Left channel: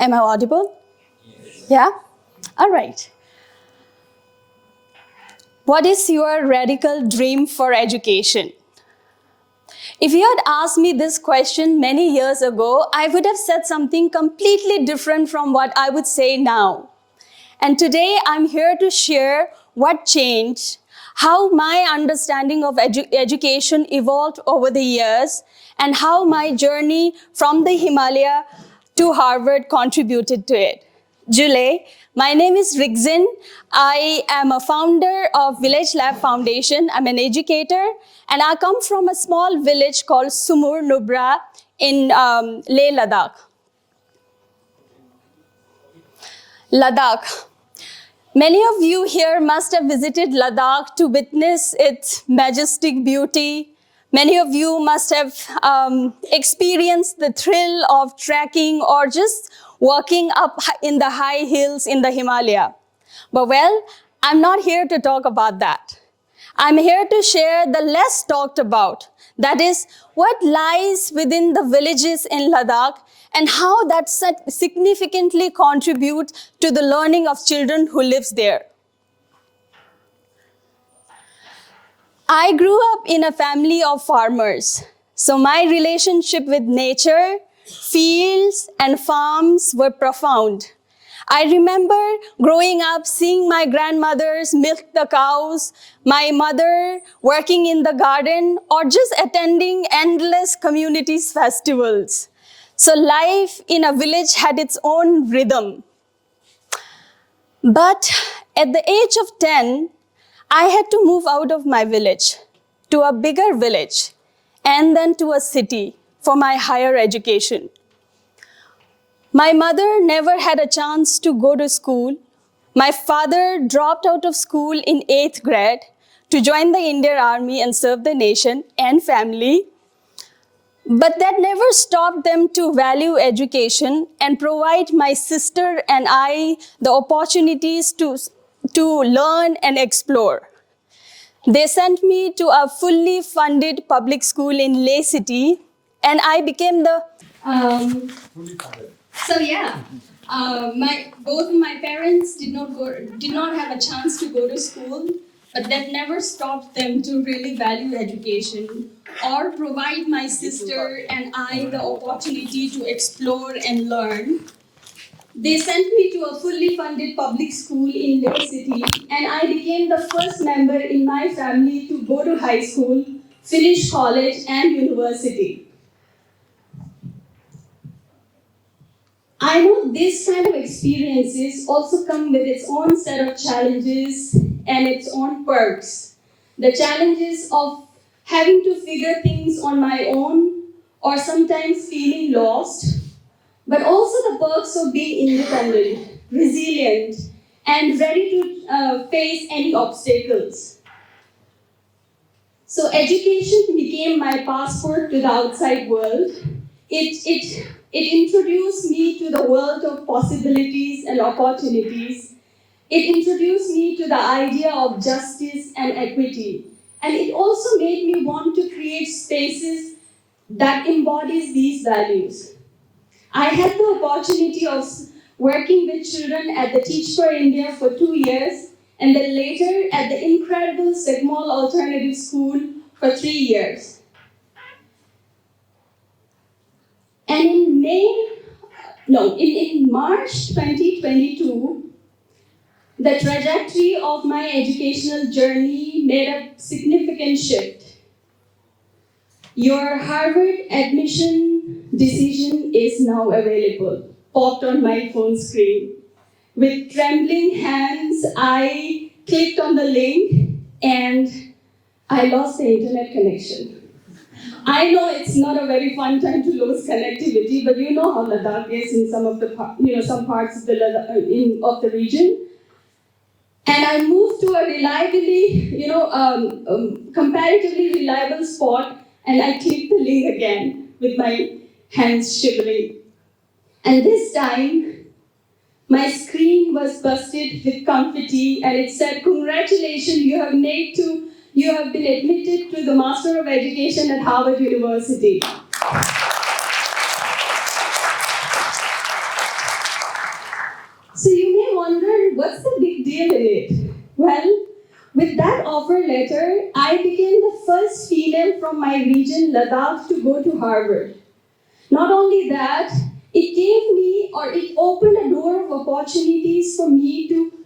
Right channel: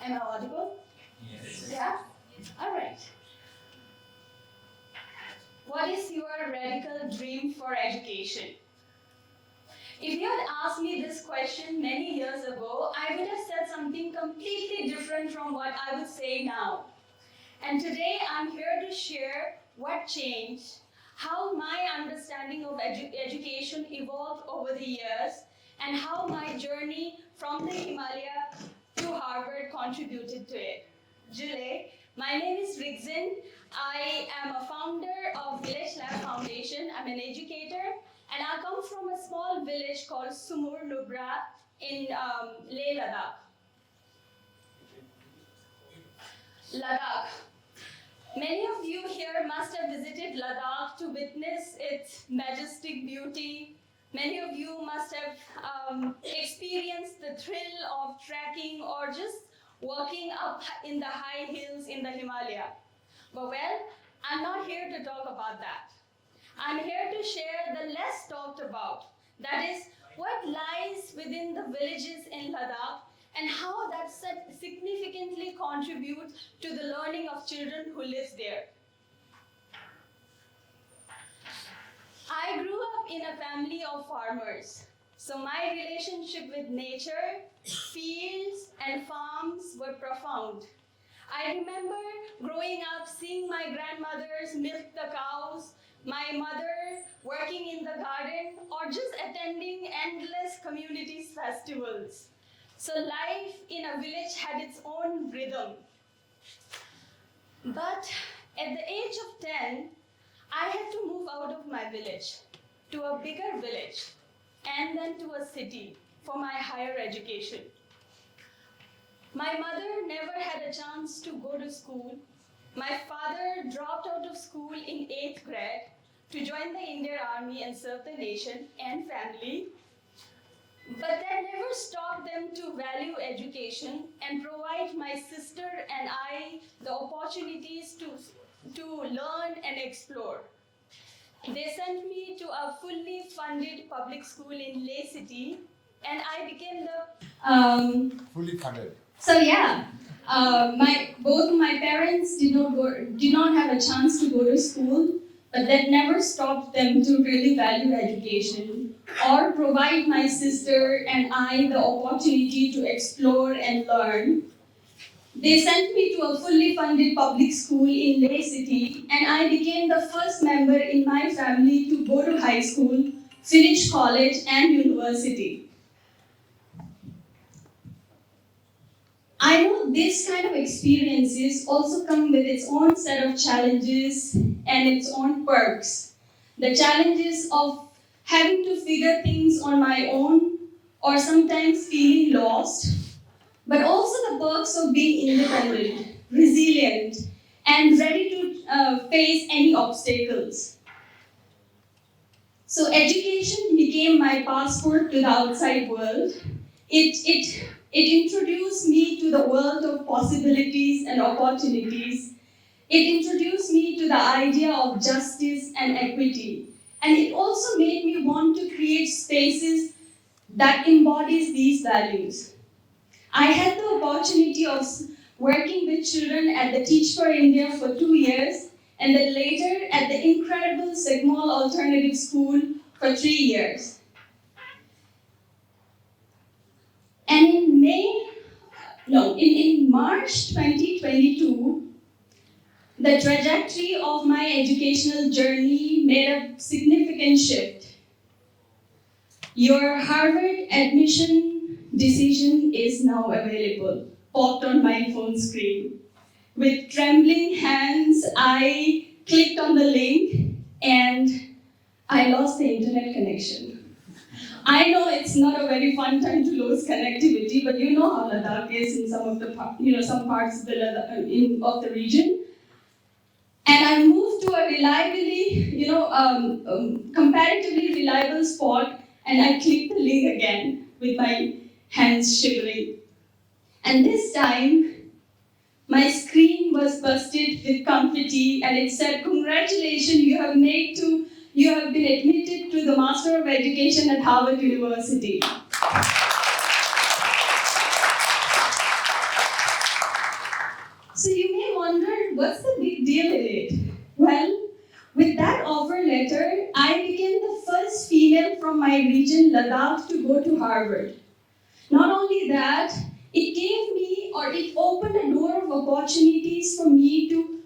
Am I audible? Yes. Yeah? All right. What is your radical dream for education? If you had asked me this question many years ago, I would have said something completely different from what I would say now. And today I'm here to share what changed, how my understanding of education evolved over the years, and how my journey from the Himalaya to Harvard contributed to it. Julie, my name is Rigzen. I am a founder of Village Lab Foundation. I'm an educator, and I come from a small village called Sumur Nubra in Leh, Ladakh. Ladakh. Many of you here must have visited Ladakh to witness its majestic beauty. Many of you must have experienced the thrill of trekking or just walking up in the high hills in the Himalaya. But well, I'm not here to talk about that. I'm here to share the less talked about, that is, what lies within the villages in Ladakh and how that significantly contributes to the learning of children who live there. I grew up in a family of farmers, so my relationship with nature, fields, and farms were profound. I remember growing up seeing my grandmothers milk the cows, my mother working in the garden, or just attending endless communities festivals. So life in a village had its own rhythm. But at the age of 10, I had to move out of my village to a bigger village and then to a city for my higher education. My mother never had a chance to go to school. My father dropped out of school in 8th grade to join the Indian Army and serve the nation and family. But that never stopped them to value education and provide my sister and I the opportunities to learn and explore. They sent me to a fully funded public school in Leh City, and I became the... fully funded. So yeah, both my parents did not have a chance to go to school, but that never stopped them to really value education or provide my sister and I the opportunity to explore and learn. They sent me to a fully funded public school in Leh City, and I became the first member in my family to go to high school, finish college and university. I know this kind of experiences also come with its own set of challenges and its own perks. The challenges of having to figure things on my own or sometimes feeling lost, but also the perks of being independent, resilient, and ready to face any obstacles. So education became my passport to the outside world. It introduced me to the world of possibilities and opportunities. It introduced me to the idea of justice and equity. And it also made me want to create spaces that embodies these values. I had the opportunity of working with children at the Teach for India for 2 years, and then later at the incredible Sigmol Alternative School for 3 years. And in March 2022, the trajectory of my educational journey made a significant shift. Your Harvard admission decision is now available, popped on my phone screen. With trembling hands, I clicked on the link and I lost the internet connection. I know it's not a very fun time to lose connectivity, but you know how Ladakh is in some of the some parts of the region. And I moved to a reliably, comparatively reliable spot, and I clicked the link again with my hands shivering. And this time, my screen was busted with confetti, and it said, "Congratulations, you have been admitted to the Master of Education at Harvard University." what's the big deal in it? Well, with that offer letter, I became the first female from my region, Ladakh, to go to Harvard. Not only that, it opened a door of opportunities for me to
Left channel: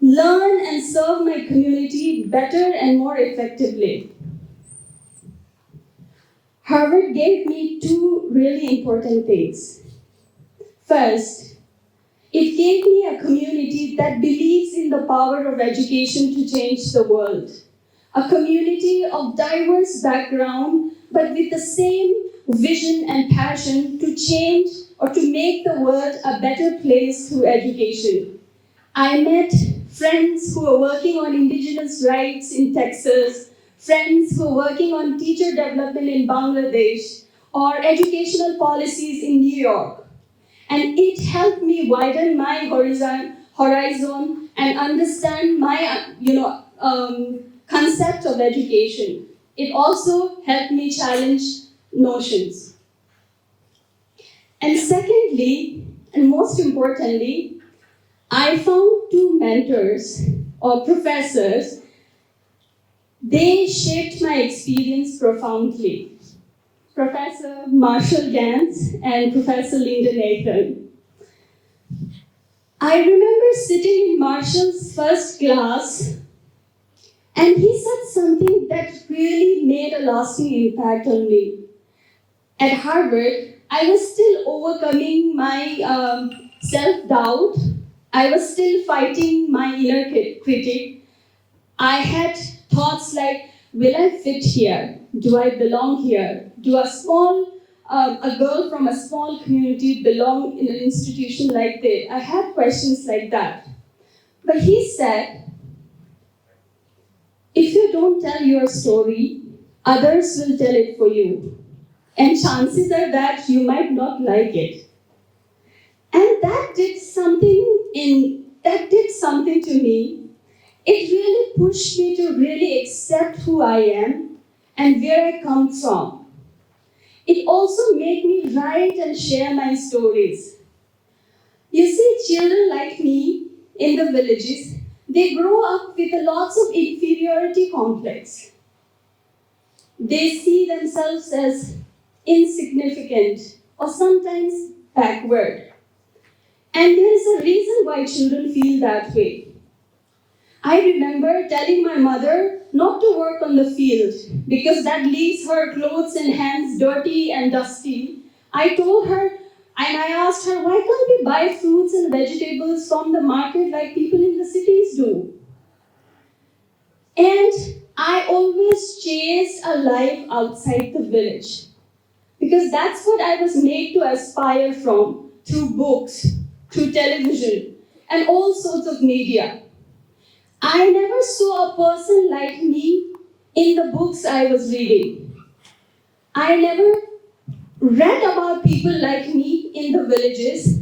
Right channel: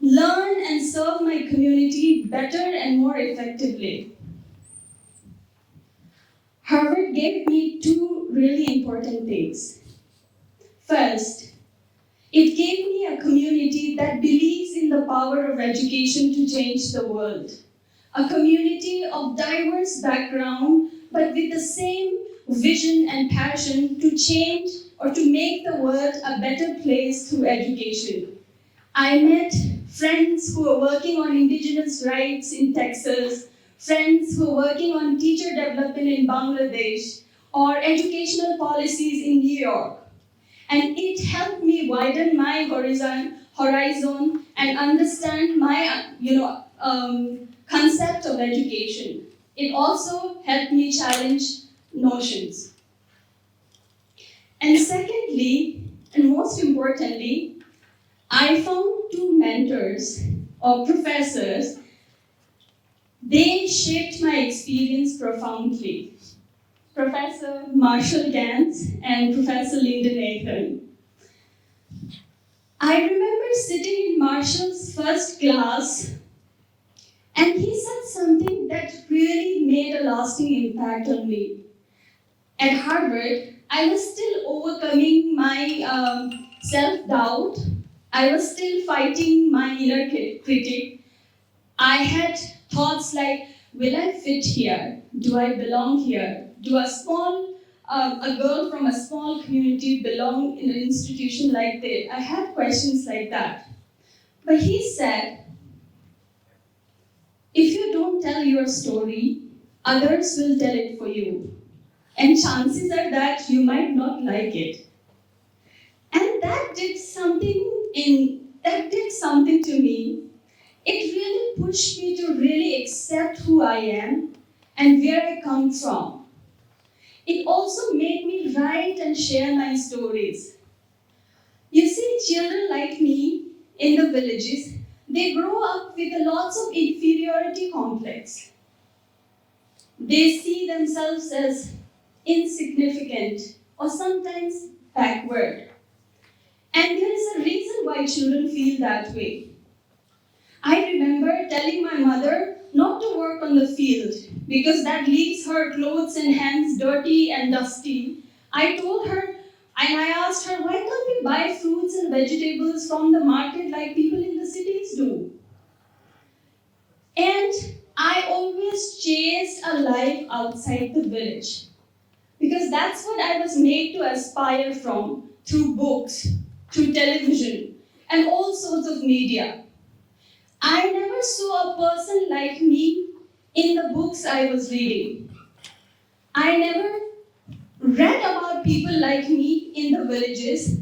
learn and serve my community better and more effectively. Harvard gave me two really important things. First, it gave me a community that believes in the power of education to change the world. A community of diverse background, but with the same vision and passion to change or to make the world a better place through education. I met friends who are working on indigenous rights in Texas, friends who are working on teacher development in Bangladesh, or educational policies in New York. And it helped me widen my horizon and understand my concept of education. It also helped me challenge notions. And secondly, and most importantly, I found two mentors or professors. They shaped my experience profoundly. Professor Marshall Gantz and Professor Linda Nathan. I remember sitting in Marshall's first class, and he said something that really made a lasting impact on me. At Harvard, I was still overcoming my self-doubt. I was still fighting my inner critic. I had thoughts like, will I fit here? Do I belong here? Do a girl from a small community belong in an institution like this? I had questions like that. But he said, if you don't tell your story, others will tell it for you. And chances are that you might not like it. And that did something to me. It really pushed me to really accept who I am and where I come from. It also made me write and share my stories. You see, children like me in the villages, they grow up with lots of inferiority complex. They see themselves as insignificant or sometimes backward. And there is a reason why children feel that way. I remember telling my mother not to work on the field because that leaves her clothes and hands dirty and dusty. I told her, and I asked her, why can't we buy fruits and vegetables from the market like people in the cities do? And I always chased a life outside the village because that's what I was made to aspire from through books, through television, and all sorts of media. I never saw a person like me in the books I was reading. I never read about people like me in the villages,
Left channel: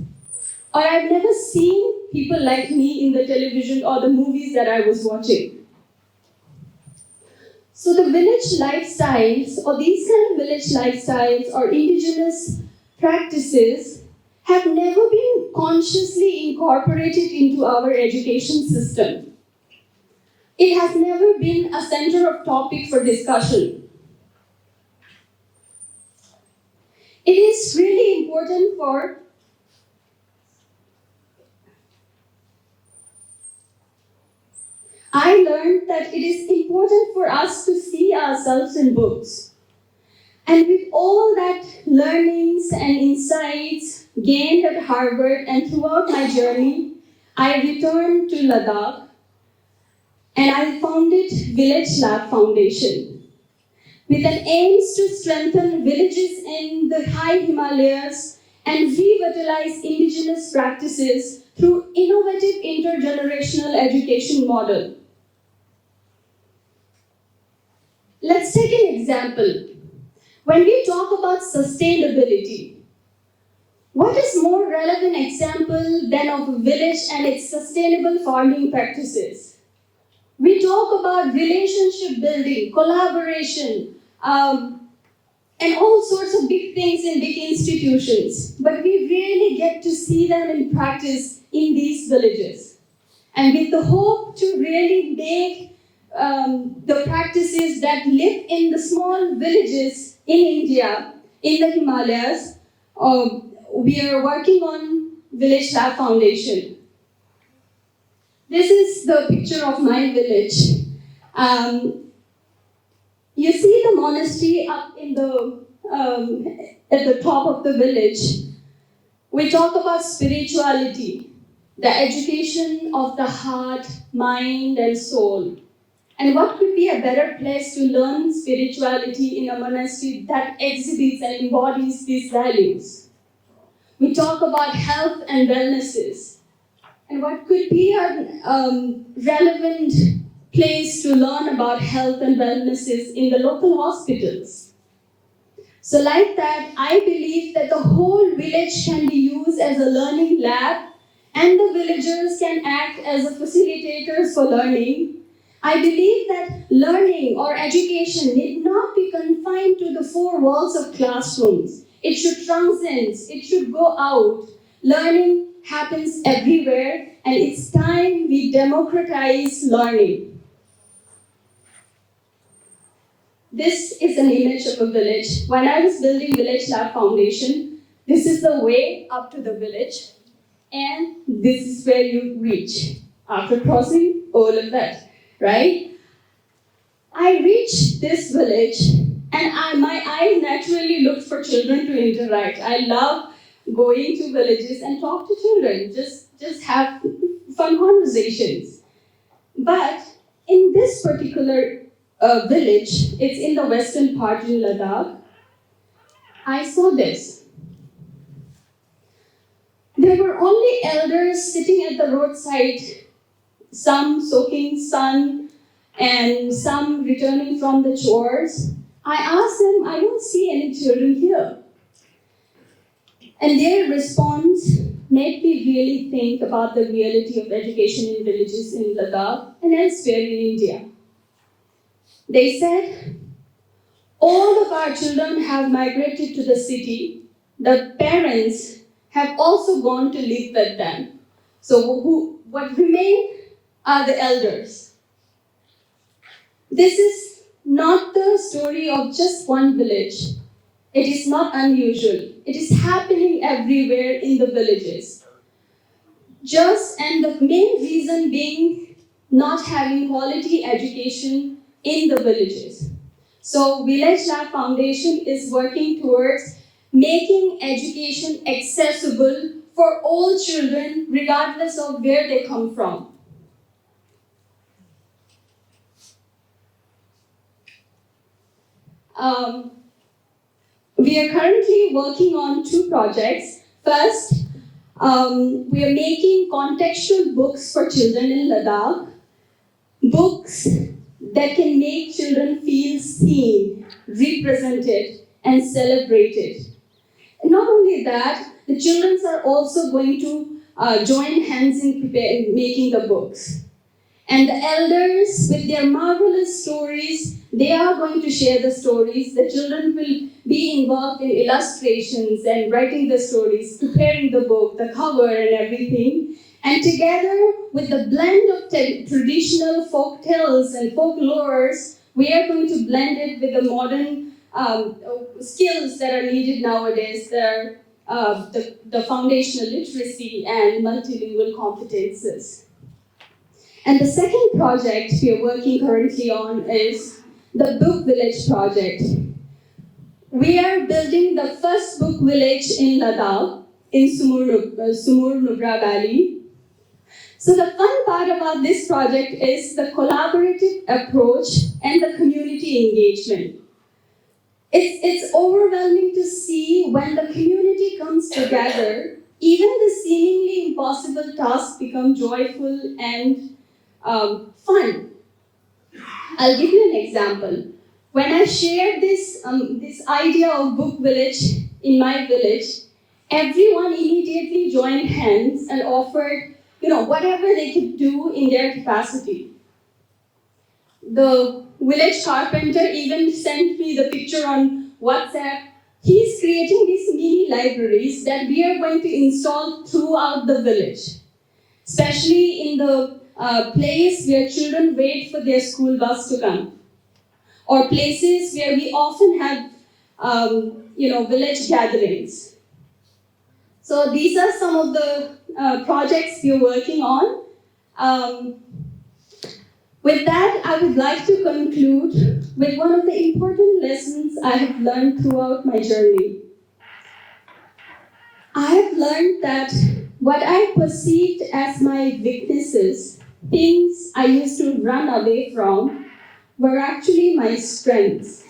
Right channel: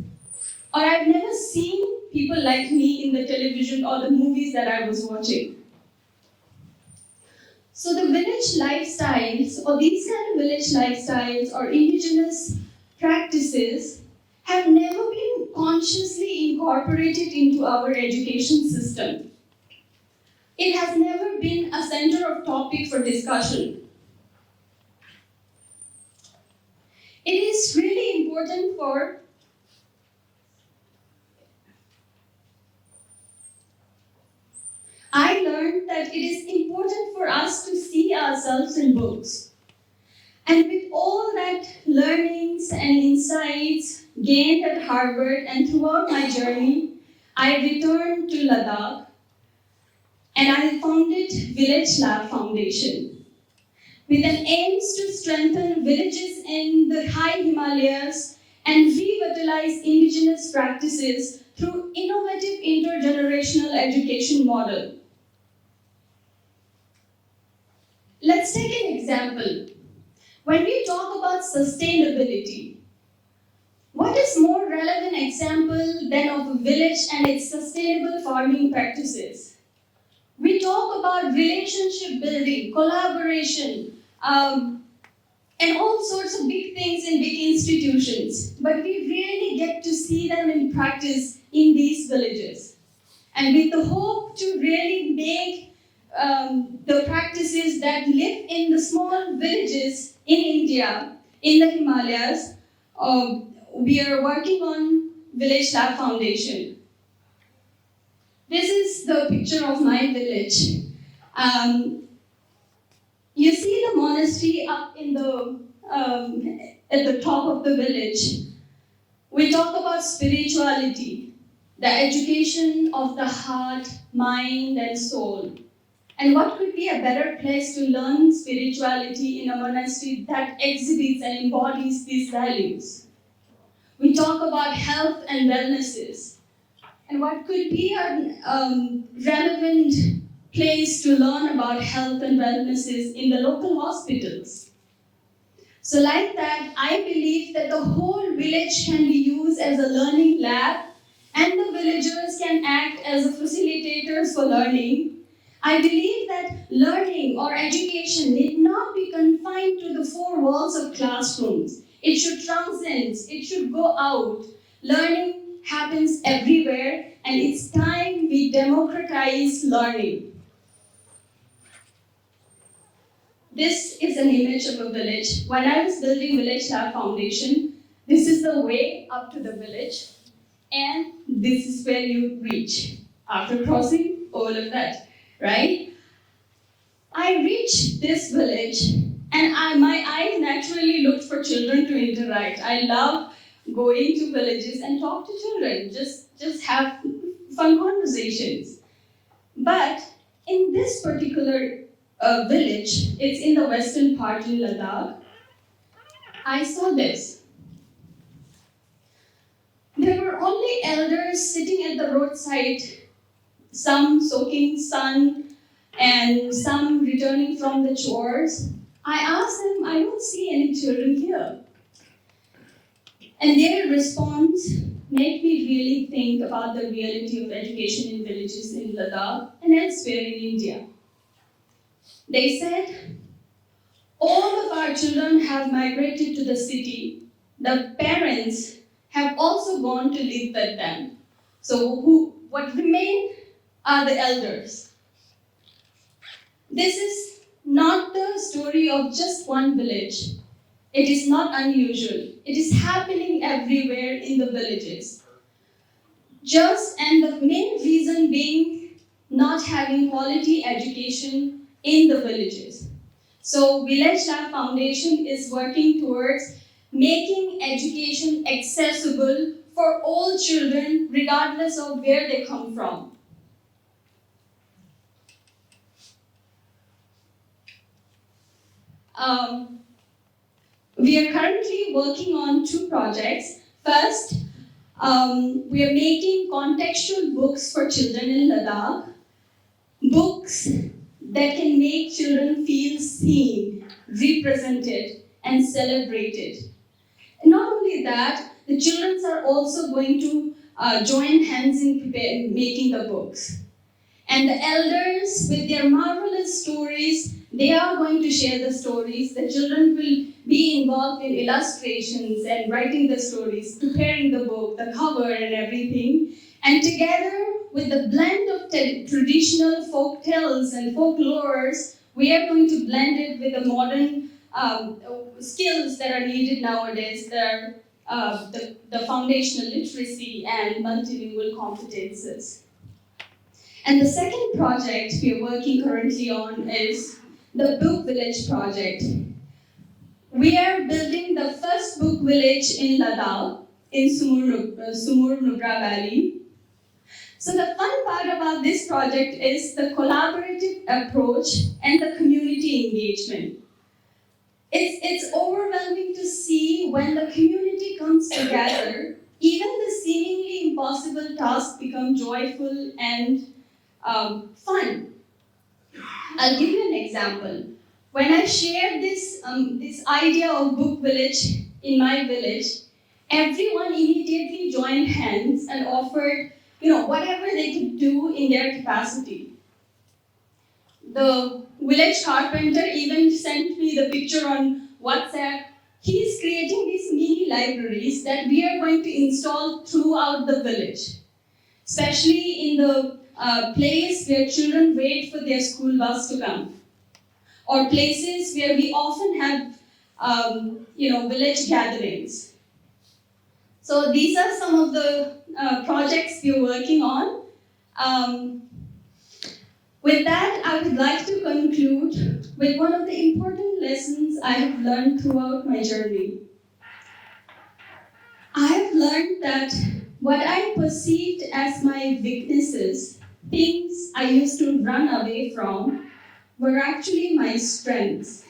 or I've never seen people like me in the television or the movies that I was watching. So the village lifestyles, or these kind of village lifestyles or indigenous practices have never been consciously incorporated into our education system. It has never been a center of topic for discussion. It is really important I learned that it is important for us to see ourselves in books. And with all that learnings and insights gained at Harvard and throughout my journey, I returned to Ladakh and I founded Village Lab Foundation with an aims to strengthen villages in the high Himalayas and revitalize indigenous practices through innovative intergenerational education model. Let's take an example. When we talk about sustainability, what is more relevant example than of a village and its sustainable farming practices? We talk about relationship building, collaboration, and all sorts of big things in big institutions, but we rarely get to see them in practice in these villages. and with the hope to really make the practices that live in the small villages in India, in the Himalayas, we are working on Village Lab Foundation. This is the picture of my village. You see the monastery up in at the top of the village. We talk about spirituality, the education of the heart, mind, and soul. And what could be a better place to learn spirituality in a monastery that exhibits and embodies these values? We talk about health and wellnesses. And what could be a relevant place to learn about health and wellnesses in the local hospitals? So like that, I believe that the whole village can be used as a learning lab and the villagers can act as a facilitators for learning. I believe that learning or education need not be confined to the four walls of classrooms. It should transcend, it should go out. Learning happens everywhere, and it's time we democratize learning. This is an image of a village. When I was building Village Lab Foundation, this is the way up to the village, and this is where you reach after crossing all of that, right? I reached this village, and my eyes naturally looked for children to interact. I love going to villages and talk to children, just have fun conversations. But in this particular village, it's in the western part in Ladakh, I saw this. There were only elders sitting at the roadside, some soaking sun and some returning from the chores. I asked them, I don't see any children here. And their response made me really think about the reality of education in villages in Ladakh and elsewhere in India. They said, all of our children have migrated to the city. The parents have also gone to live with them. So what remain are the elders. This is not the story of just one village. It is not unusual. It is happening everywhere in the villages. And the main reason being not having quality education in the villages. So Village Lab Foundation is working towards making education accessible for all children, regardless of where they come from. We are currently working on two projects. First, we are making contextual books for children in Ladakh, books that can make children feel seen, represented, and celebrated. And not only that, the children are also going to join hands in making the books. And the elders, with their marvelous stories, they are going to share the stories. The children will be involved in illustrations and writing the stories, preparing the book, the cover and everything. And together with the blend of traditional folk tales and folklores, we are going to blend it with the modern skills that are needed nowadays. The foundational literacy and multilingual competences. And the second project we are working currently on is the Book Village project. We are building the first book village in Ladakh, in Sumur Nubra Valley. So the fun part about this project is the collaborative approach and the community engagement. It's overwhelming to see when the community comes together, even the seemingly impossible tasks become joyful and fun. I'll give you an example. When I shared this idea of book village in my village, everyone immediately joined hands and offered, whatever they could do in their capacity. The village carpenter even sent me the picture on WhatsApp. He's creating these mini libraries that we are going to install throughout the village, especially in the a place where children wait for their school bus to come, or places where we often have village gatherings. So these are some of the projects we are working on. With that, I would like to conclude with one of the important lessons I have learned throughout my journey. I have learned that what I perceived as my weaknesses, things I used to run away from, were actually my strengths.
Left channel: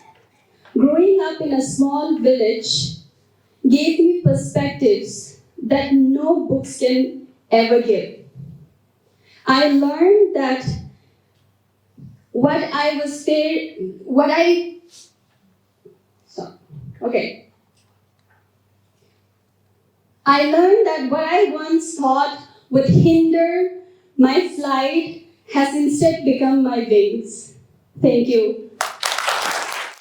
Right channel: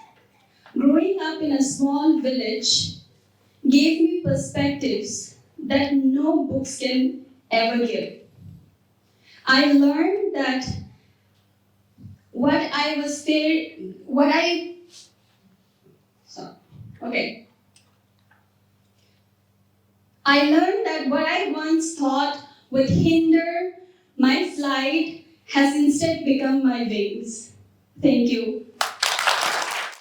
Growing up in a small village gave me perspectives that no books can ever give. I learned that what I was there, what I, so, okay. I learned that what I once thought would hinder my flight has instead become my wings. Thank you.